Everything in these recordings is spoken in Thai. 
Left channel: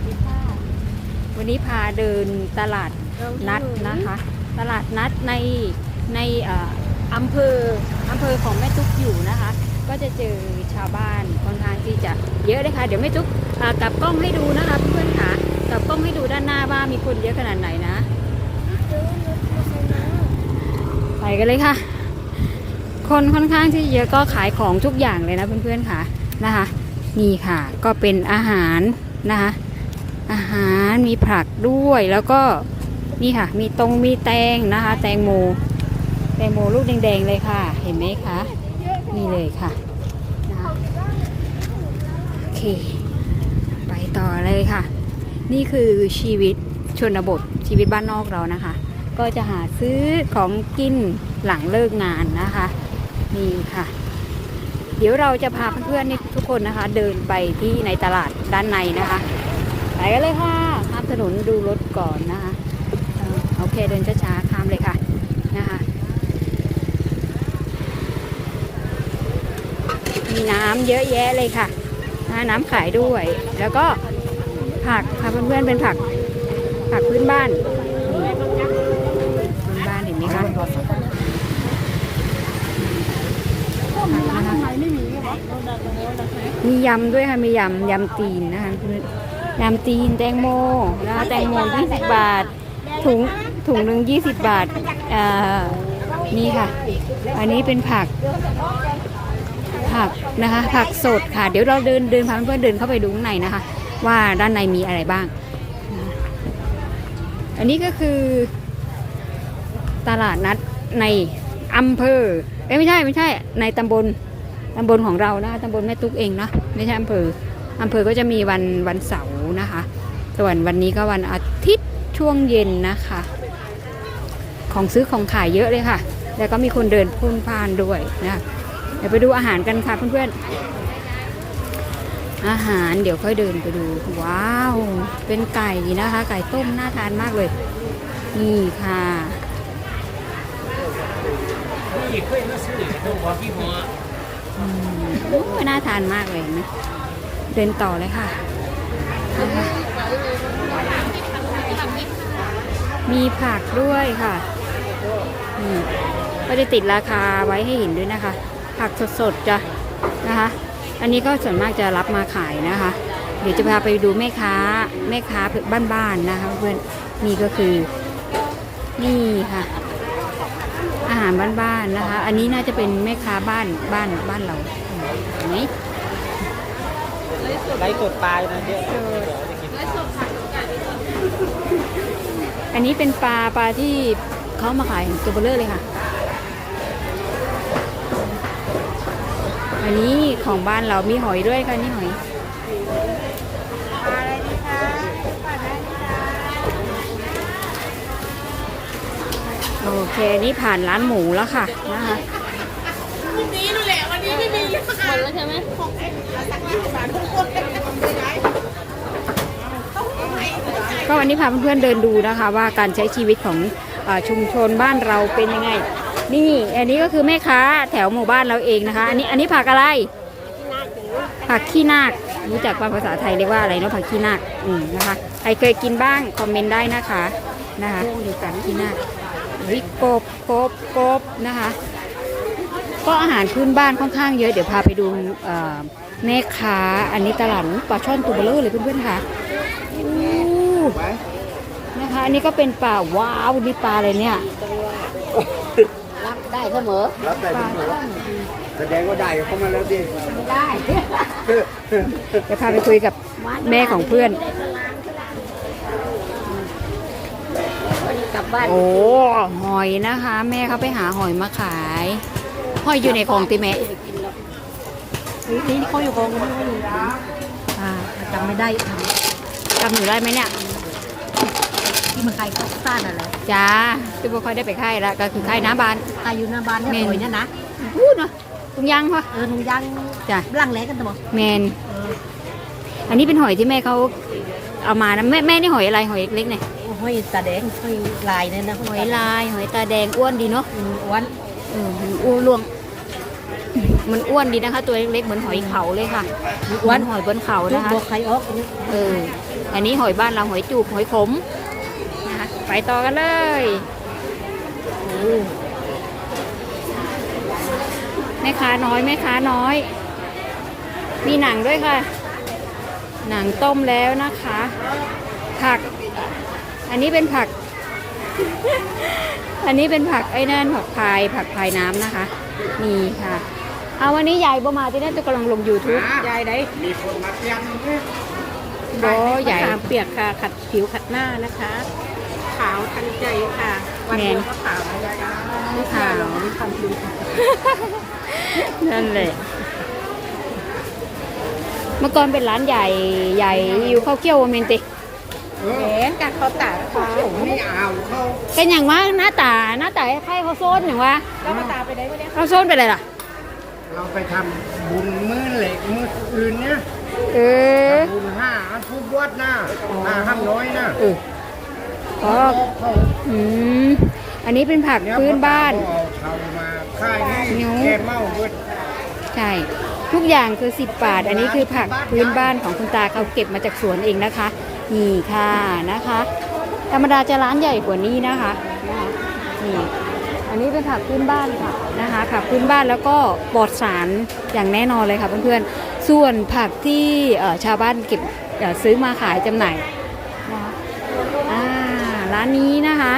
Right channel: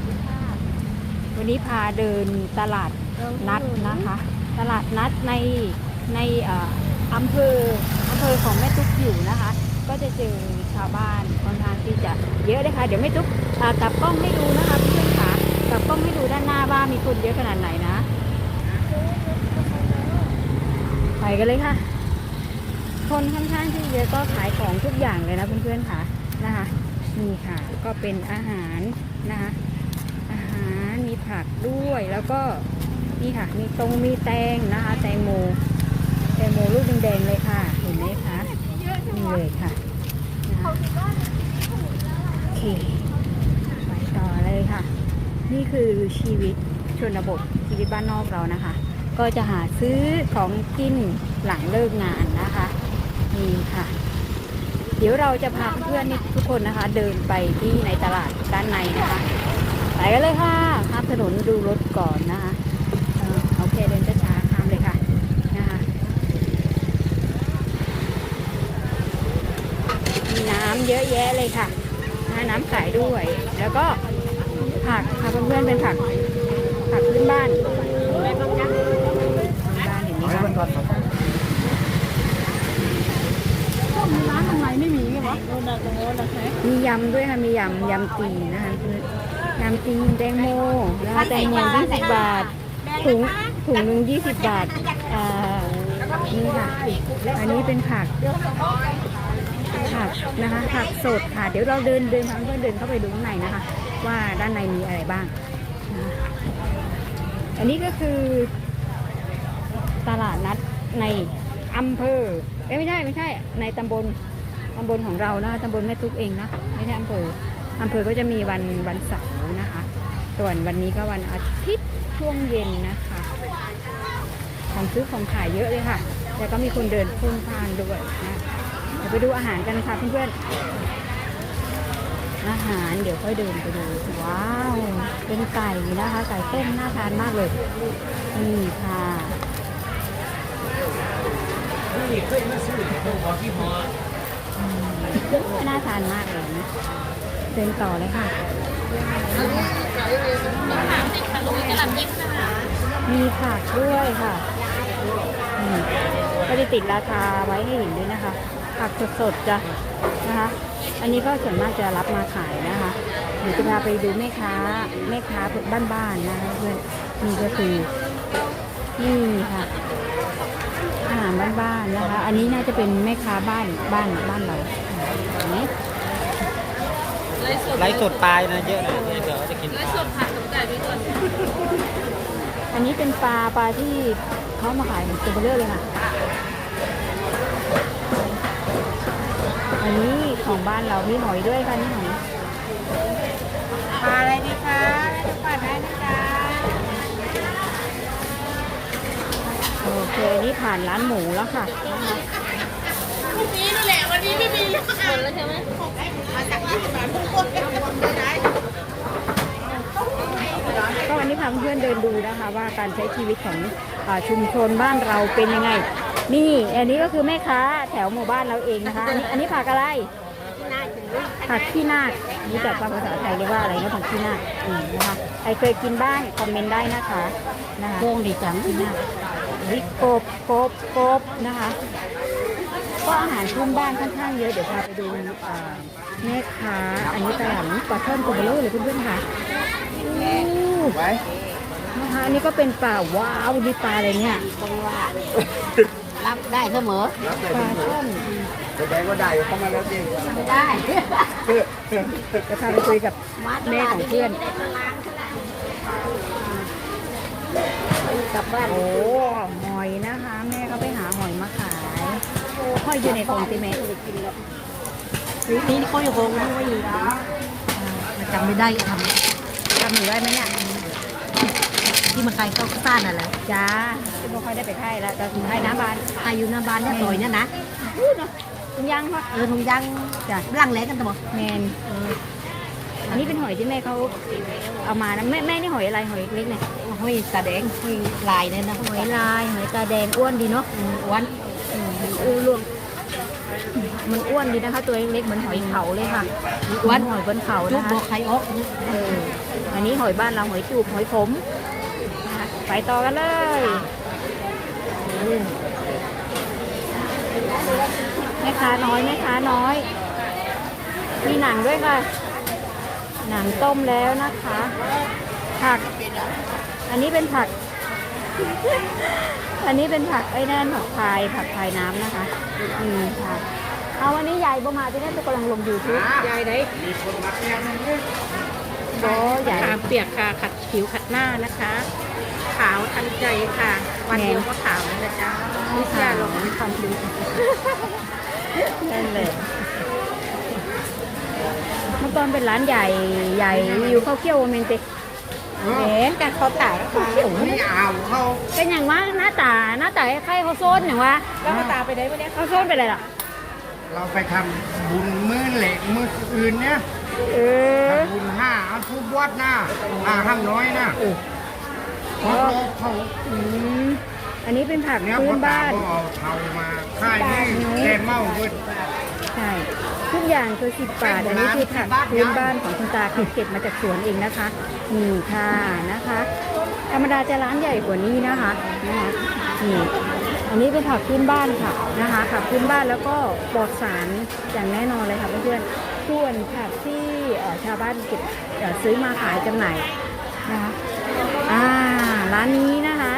วัสดีค่ะ วันนี้พาเดินตลาดนัดนะคะ ตลาดนัดในในเอ่ออำเภออำเภอของแม่ตุ๊กอยู่นะคะ ก็จะเจอชาวบ้านค่อนข้างที่จะเยอะเลยค่ะ เดี๋ยวแม่ตุ๊กอ่ากลับกล้องให้ดูนะคะเพื่อนๆค่ะกลับกล้องให้ดูด้านหน้าว่ามีคนเยอะขนาดไหนนะ ไปกันเลยค่ะ คนค่อนข้างที่เยอะก็ขายของทุกอย่างเลยนะเพื่อนๆค่ะนะคะนี่ค่ะก็เป็นอาหารนะคะ อาหารมีผักด้วยแล้วก็นี่ค่ะ มีตรงมีแตงนะคะ แตงโม แตงโมลูกแดงๆเลยค่ะ เห็นไหมคะนี่เลยค่ะนะคะโอเคไปต่อเลยค่ะ นี่คือชีวิตชนบทชีวิตบ้านนอกเรานะคะ ก็จะหาซื้อของกินหลังเลิกงานนะคะนี่ค่ะ เดี๋ยวเราจะพาเพื่อนๆทุกคนนะคะ เดินไปที่ในตลาดด้านในนะคะ ไปกันเลยค่ะข้ามถนนดูรถก่อนนะคะอ่าโอเคเดินช้าๆข้ามเลยค่ะนะคะมีน้ำเยอะแยะเลยค่ะหาน้ำขายด้วย แล้วก็ผักค่ะเพื่อนๆเป็นผักผักพื้นบ้านนี่พื้นบ้านเห็นไหมคะร้านทำไมไม่มีวะมียำด้วยค่ะ มียำยำตีนนะคะ ยำตีนแตงโมนะคะแตงโม20บบาท ถุงถุงหนึ่ง20บาทอ่านี่ค่ะ อันนี้เป็นผัก ผักนะคะ ผักสดค่ะ เดี๋ยวเราเดินเดินพาเพื่อนเดินเข้าไปดูข้างในนะคะ ว่าด้านในมีอะไรบ้าง อันนี้ก็คือ ตลาดนัดในอำเภอเอ้ไม่ใช่ไม่ใช่ ในตำบลตำบลของเรานะตำบลแม่ตุ๊กเองนะไม่ใช่อำเภอ อำเภอก็จะมีวันวันเสาร์นะคะ ส่วนวันนี้ก็วันอาทิตย์ช่วงเย็นนะคะ ของซื้อของขายเยอะเลยค่ะ แล้วก็มีคนเดินพุ่งพานด้วยนะเดี๋ยวไปดูอาหารกันค่ะเพื่อนๆอาหารเดี๋ยวค่อยเดินไปดูว้าวเป็นไก่นะคะ ไก่ต้มน่าทานมากเลยนี่ค่ะอืมน่าทานมากเลยนะ เดินต่อเลยค่ะ มีผักด้วยค่ะก็จะติดราคาไว้ให้เห็นด้วยนะคะ ผักสดๆจ้ะนะคะ อันนี้ก็ส่วนมากจะรับมาขายนะคะ เดี๋ยวจะพาไปดูแม่ค้าแม่ค้าบ้านๆนะคะเพื่อนนี่ก็คือนี่ค่ะอาหารบ้านๆนะคะ อันนี้น่าจะเป็นแม่ค้าบ้านบ้านบ้านเราอืมอัน ไลฟ์สดปลายนะเยอะเลยเดี๋ยวจะกินอันนี้เป็นปลาปลาที่เขามาขายตัวเบลเลอร์เลยค่ะ อันนี้ของบ้านเรามีหอยด้วยค่ะนี่หอยอะไรดีคะปัดได้ไหมคะโอเคนี่ผ่านร้านหมูแล้วค่ะนะคะวันนี้นั่นแหละวันนี้ไม่มีแล้วใช่ไหมหกสิบ กที่สามทุกคนเป็นรวมเลยได้ก็วันนี้พาเพื่อนๆเดินดูนะคะ ว่าการใช้ชีวิตของเออชุมชนบ้านเราเป็นยังไง นี่อันนี้ก็คือแม่ค้าแถวหมู่บ้านเราเองนะคะ อันนี้อันนี้ผักอะไรน่าถึงผักขี้นาครู้จักภาษาไทยเรียกว่าอะไรเนาะผักขี้นาคอืมนะคะใครเคยกินบ้างคอมเมนต์ได้นะคะนะคะพวกดีจังขี้นาคอุ้ยกบกบกบนะคะ ก็อาหารพื้นบ้านค่อนข้างเยอะ เดี๋ยวพาไปดูเอ่อแม่ค้า อันนี้ตลาดปลาช่อนตัวเบลอเลยเพื่อนๆค่ะอู้นะคะอันนี้ก็เป็นปลาว้าวนี่ปลาอะไรเนี่ยรับได้เสมอรับแต่ปลาช่อนแสดงว่าได้เข้ามาแล้วดิได้จะพาไปคุยกับแม่ของเพื่อนกลับบ้านโอ้หอยนะคะ แม่เขาไปหาหอยมาขาย หอยอยู่ในคลองติแม่นี่เขาอยู่โรงไม่ว่าอยู่จำไม่ได้ทจำหนูได้ไหมเนี่ยำที่มันใครก็สร้างนั่นแหละจ้าซึ่งบ่ค่อยได้ไปค่ายแล้วก็คือค่ายน้ำบานใครอยู่หน้าบ้านเนี่ยต่อยนั่นนะอู้เนาะถุงยางปะเออหนุ่งยังจ้ะร่างแรงกันตะบอกแมนอันนี้เป็นหอยที่แม่เขาเอามานะแม่แม่นี่หอยอะไรหอยเล็กๆเนี่ยห้อยตาแดงห้อยลายเนี่ยนะหอยลายหอยตาแดงอ้วนดีเนาะอ้วน อืมอ้วนลวงมันอ้วนดีนะคะ ตัวเล็กๆเหมือนหอยเขาเลยค่ะวันหอยบนเขานะคะตัวใครออกอันนี้เอออันนี้หอยบ้านเราหอยจูบหอยขมนะคะไปต่อกันเลยโอ้แม่ค้าน้อยแม่ค้าน้อย มีหนังด้วยค่ะ หนังต้มแล้วนะคะ ผัก อันนี้เป็นผัก อันนี้เป็นผักไอ้นั่นผักพายผักพายน้ำนะคะ นี่ค่ะ เอาวันนี้ยายบ่มาที่นั่นจะกำลังลงยูทูบยายไหนมีคนมาเตรียมด้วยโดใหญ่น้ำเปียกค่ะขัดผิวขัดหน้านะคะ ขาวทันใจค่ะ วันเดียวก็ขาวแล้วนะจ๊ะนี่ค่ะลองทำดูนั่นแหละเมื่อก่อนเป็นร้านใหญ่ใหญ่อยู่ข้าวเกี้ยวโอเมนติ เออเห็นการเขาตากเขาเขียวไม่เอาเขาเป็นอย่างว่าหน้าตาหน้าตาคล้ายๆข้าวโซนอย่างว่าแล้วมาตาไปไหนไม่ได้ข้าวโซนเป็นอะไรล่ะ เราไปทำบุญมื้อเหล็กมื้ออื่นเนี่ยเออทำบุญห้าทุบวัดหน้าห้าห้ามน้อยนะเอออ๋อเขาอืมอันนี้เป็นผักเนี่ยพื้นบ้านเขเอาเทามาค่ายนี่นิ้วแค่หม้อเบิดใช่ทุกอย่างคือสิบบาท อันนี้คือผักพื้นบ้านของคุณตาเขาเก็บมาจากสวนเองนะคะ นี่ค่ะนะคะ ธรรมดาจะร้านใหญ่กว่านี้นะคะนะคะนี่อันนี้เป็นผักพื้นบ้านค่ะนะคะผักพื้นบ้านแล้วก็ปลอดสารอย่างแน่นอนเลยค่ะเพื่อนๆส่วนผักที่ชาวบ้านเก็บซื้อมาขายจำหน่ายนะคะอ่าร้านนี้นะคะ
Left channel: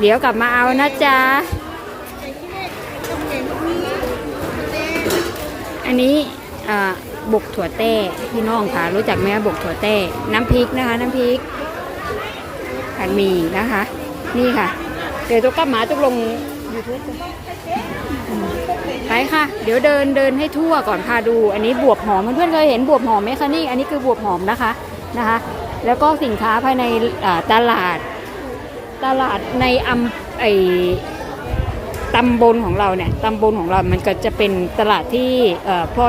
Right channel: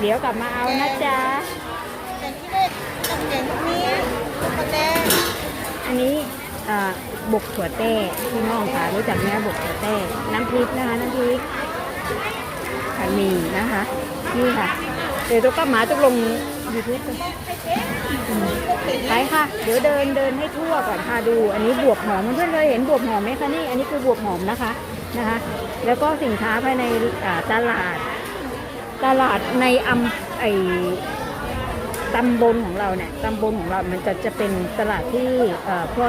เดี๋ยวกลับมาเอานะจ๊ะอันนี้เอ่อ บกถั่วแต้พี่น้องค่ะรู้จักไหมบกถั่วแต้น้ำพริกนะคะ น้ำพริกผัดหมี่นะคะ นี่ค่ะ เดี๋ยวตุ๊กก็หมาตุ๊กลงยูทูบไปค่ะ เดี๋ยวเดินเดินให้ทั่วก่อนพาดู อันนี้บวบหอมเพื่อนเคยเห็นบวบหอมไหมคะนี่อันนี้คือบวบหอมนะคะนะคะ แล้วก็สินค้าภายในตลาด ตลาดในอำไอตำบลของเราเนี่ยตำบลของเรามันก็จะเป็นตลาดที่เอ่อพอ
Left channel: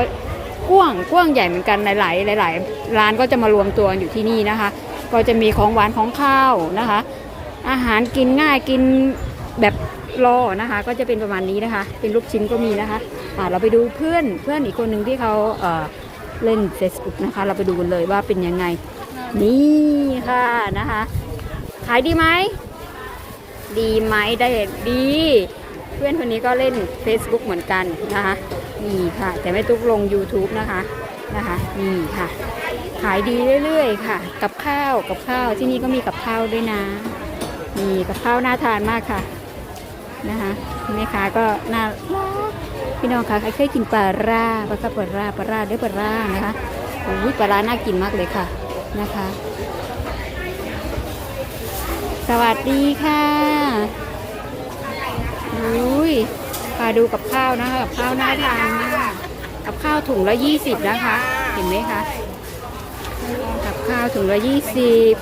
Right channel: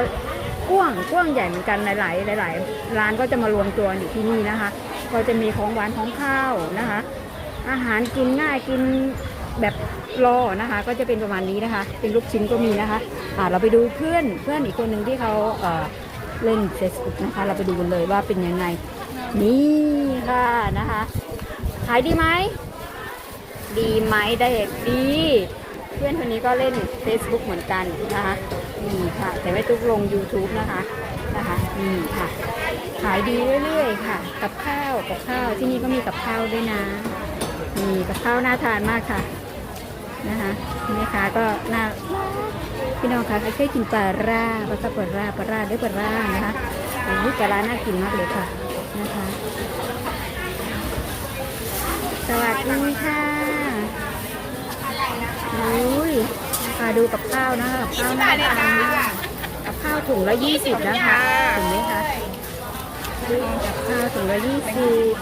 กว้างกว้างใหญ่เหมือนกันหลาย ๆ หลาย ๆ ร้านก็จะมารวมตัวอยู่ที่นี่นะคะ ก็จะมีของหวานของข้าวนะคะ อาหารกินง่ายกินแบบรอนะคะ ก็จะเป็นประมาณนี้นะคะ เป็นลูกชิ้นก็มีนะคะอ่าเราไปดูเพื่อนเพื่อนอีกคนหนึ่งที่เขาเออเล่น Facebook นะคะ เราไปดูกันเลยว่าเป็นยังไง นี่ค่ะนะคะ ขายดีไหมดีไหมได้ดี เพื่อนคนนี้ก็เล่น Facebook เหมือนกันนะคะ นี่ค่ะ แต่ไม่ตุกลง YouTube นะคะนะคะนี่ค่ะ ขายดีเรื่อยๆค่ะ กับข้าวกับข้าวที่นี่ก็มีกับข้าวด้วยนะนี่กับข้าวน่าทานมากค่ะนะคะแม่ค้าก็น่ารักพี่น้องคะใครเคยกินปลาร่าปลาซับปลาร่าปลาร่าด้วยปลาร่านะคะโอ้ยปลาร่าน่ากินมากเลยค่ะนะคะ สวัสดีค่ะ มาดูกับข้าวนะคะกับข้าวน่าทานมากกับข้าวถุงละยี่สิบนะคะเห็นไหมคะกับข้าวถุงละยี่สิบ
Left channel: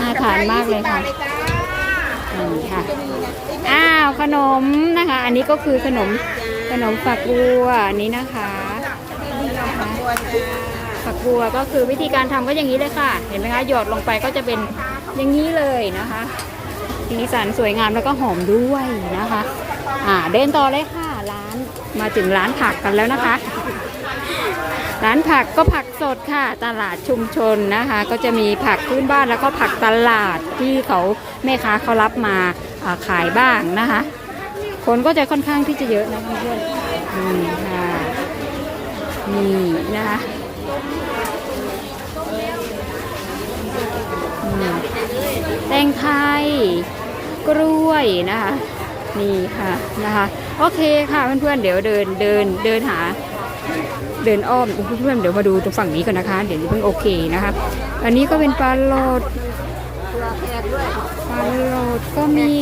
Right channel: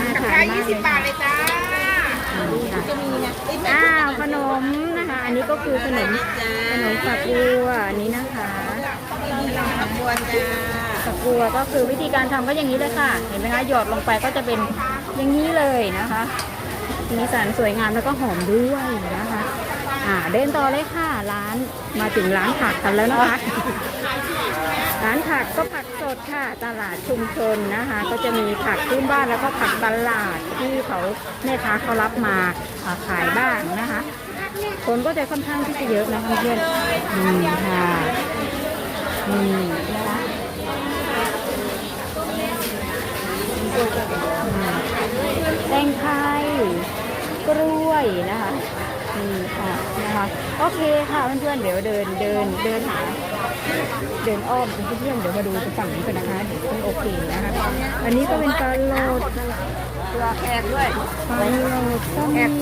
น่าทานมากเลยค่ะค่ะอ้าวขนมนะคะ อันนี้ก็คือขนมขนมฝักบัวอันนี้นะคะฝักบัวก็คือวิธีการทำก็อย่างนี้เลยค่ะ เห็นไหมคะหยอดลงไปก็จะเป็นอย่างนี้เลยนะคะสีสันสวยงามแล้วก็หอมด้วยนะคะ อ่าเดินต่อเลยค่ะร้านมาถึงร้านผักกันแล้วนะคะ ร้านผักก็ผักสดค่ะ ตลาดชุมชนนะคะ ก็จะมีผักพื้นบ้านแล้วก็ผักตลาดที่เขาแม่ค้าเขารับมาขายบ้างนะคะ คนก็จะค่อนข้างที่จะเยอะนะคะเพื่อนนี่ค่ะนี่นะคะแตงไทยกล้วยนะคะ นี่ค่ะนะคะโอเคค่ะเพื่อนๆเดี๋ยวเดินเดินเดินหา เดินอ้อมเพื่อนๆเดี๋ยวมาดูตรงฝั่งนี้ก่อนนะคะ เดี๋ยวเพิ่งโอเคนะคะอันนี้ก็เป็นปลาโลดรอแขกด้วยปลาโลดก็มี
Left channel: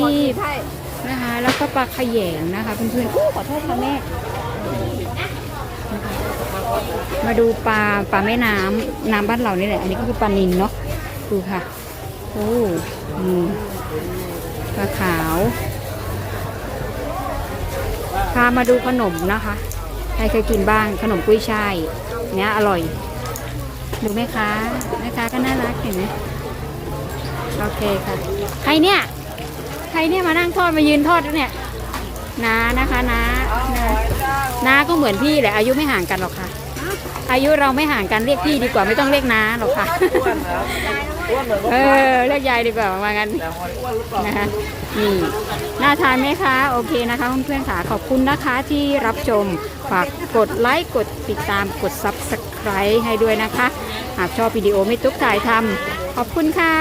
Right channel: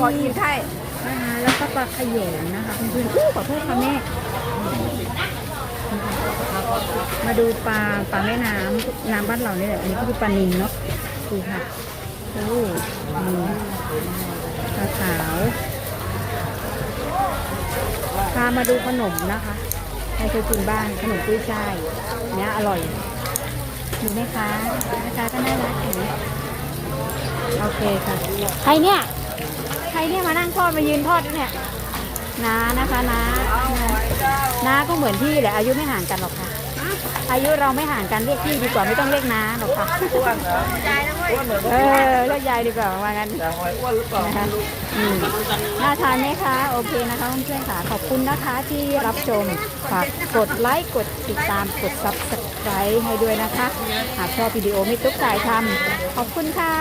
นะคะแล้วก็ปลาขยงนะคะเพื่อนๆอู้ขอโทษค่ะแม่มาดูปลาปลาแม่น้ำน้ำบ้านเรานี่แหละอันนี้ก็คือปลานิลเนาะดูค่ะโอ้ปลาขาวามาดูขนมนะคะใครเคยกินบ้างขนมกุ้ยช่ายเนี้ยอร่อยดูไหมคะแม่ค้าก็น่ารักเห็นไหมโอเคค่ะ ใครเนี่ย ใครเนี่ยมานั่งทอดมายืนทอดเนี่ยน้านะคะน้าน้าน้าก็เหมือนพี่แหละอายุไม่ห่างกันหรอกค่ะ อายุเราไม่ห่างกันเรียกพี่ดีกว่าไม่ต้องเรียกน้าหรอกค่ะ เออเรียกยายดีกว่าว่างั้นนะคะอืมน่าทานไหมคะโอเคนะคะเพื่อนๆค่ะขอบคุณนะคะที่รับชมฝากกดไลค์กดติดตามกด subscribe ให้ด้วยนะคะ หากชอบวิดีโอไม่ตุ๊กถ่ายทำขอบคุณค่ะ